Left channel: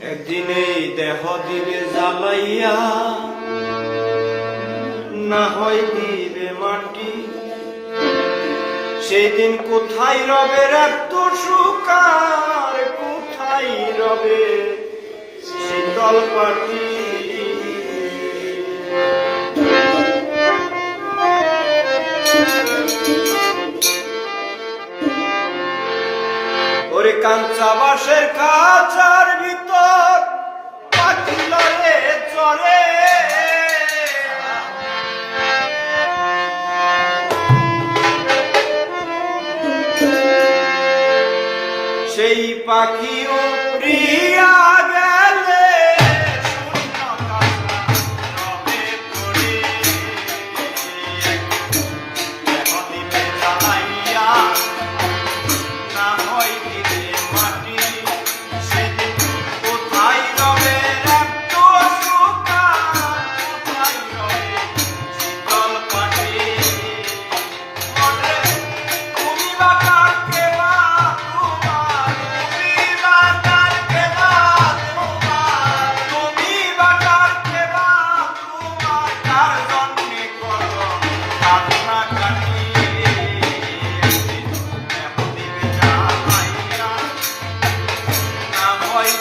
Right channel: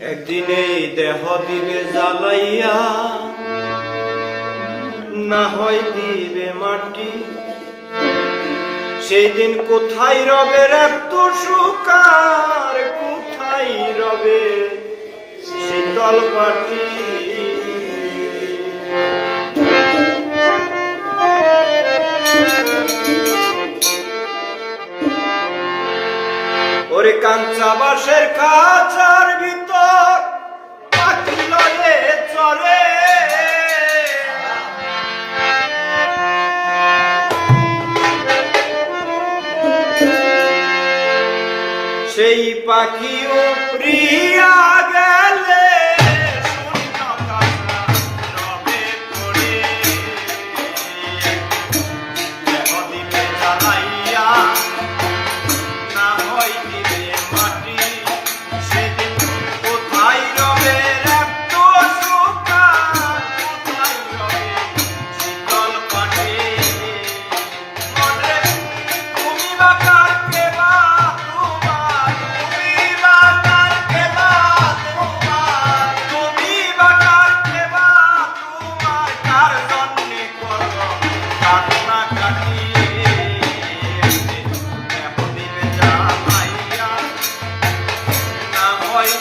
একদিন এই দেহ দিবে জ্বালাইয়া, না হয় দিবে মাটি। সেই দিন কোথায় রবে এত সুকার, কোথায় রবে শীতল পাটি। ওরে কাঞ্চা বাঁশের কাঁচার ভিতর পাটি লয়ে চরে, সেই পাখিও প্রিয়া গেলে শূন্য কাঁচা রবে পড়ে। দেহ দিবে জ্বালাইয়া, না হয় দিবে মাটি। সেদিন কোথায় রবে এত সুকার, কোথায় রবে শীতল পাটি। মনে তুমি বা কার কেবা তোমার, তুমি বা কার কেবা তোমার, তুমি বা কার কেবা তোমার, কার জন্যে করো কান্না কাটি। দেহ দিবে জ্বালাইয়া, না হয়